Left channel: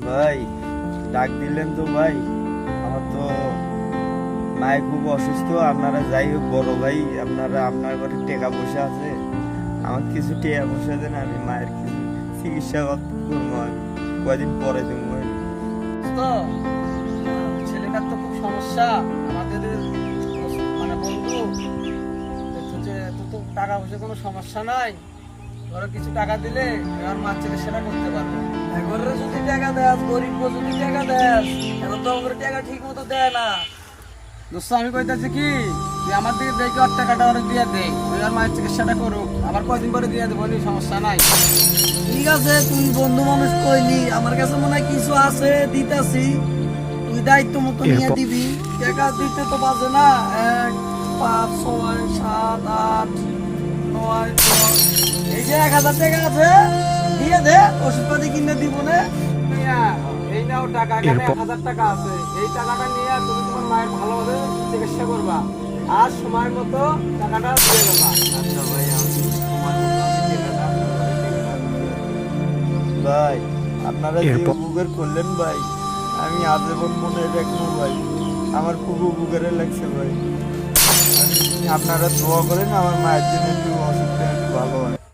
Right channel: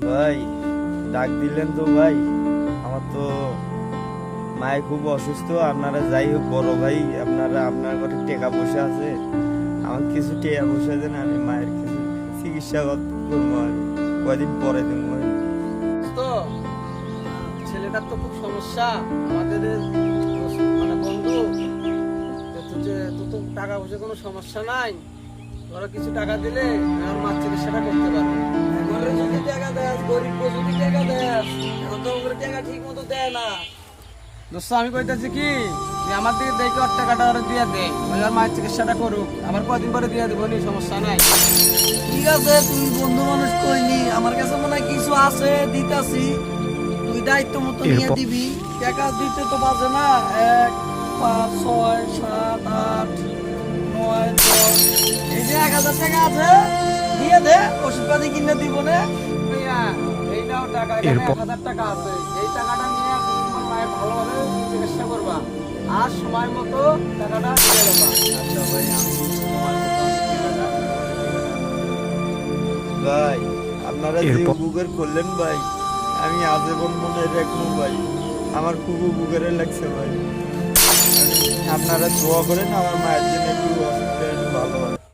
ভাই, ডাক দিলেন তো ভাই। আমার তো মায়ে খুব অসুস্থ। আপনারা যাই হোক বড় ভাই, আপনার ঘরে টাকা পয়সা আছে, আমার কিছু টাকা পয়সা দেন, আমি মায়ের কিছু চিকিৎসা করবো। আমি কয়দিন পরে দেবো ভাই। তো ছেলেটার তো খুব সমস্যা আমাদের মানে বন্ধু। তো তো টাকা পয়সা কোনো সমস্যা নাই, ধরো কিছু টাকা দিলে আমার মার চিকিৎসাটা করতে পারবে। এবারে যদি টাকা দেয়, গরিব যদি টাকা দেয়, এখন তো আমাদের টাকা ঠিক মতো দেয় না। দোস্ত আমি কইতাছি কি, তুই আমার দিকে দেখে ওর টাকাটা ওরা দিয়ে দে, ওই আর মায়ের চিকিৎসাটা করুক, আবার কদিন পরে দিয়ে দেবো, সমস্যা নাই। ঠিক আছে, তুই বন্ধু মানুষ কইলি, আমার কাছে মনে হয় কিছু আছে, দিতাছি। তুই দায়িত্ব মতো নিয়ে দিবি। টাকা দিতে তো পারবে না। 1, 5, 6, 7, 8, 9, 10, এই যে 1000 টাকা আছে, দিয়ে দে, ওষুধপাতি কিনে দিব না। এইটাও টাকা, এখানে 1000 টাকা আছে। এই টাকাটা নিয়ে তুমি তোমার মায়ের ভালোভাবে চিকিৎসা করবা, আর সময় মতো টাকাটা দিয়ে দেবা। আচ্ছা ভাই, ভাই আপনারা যে উপকার করলেন ভাই, আমি আজীবন মনে রাখবো ভাই। আমার খুব উপকারে লাগছে ভাই। আপনারা দোয়া করেন আমার মায়ের জন্য একটু অসুস্থ একটু ভালো হয়।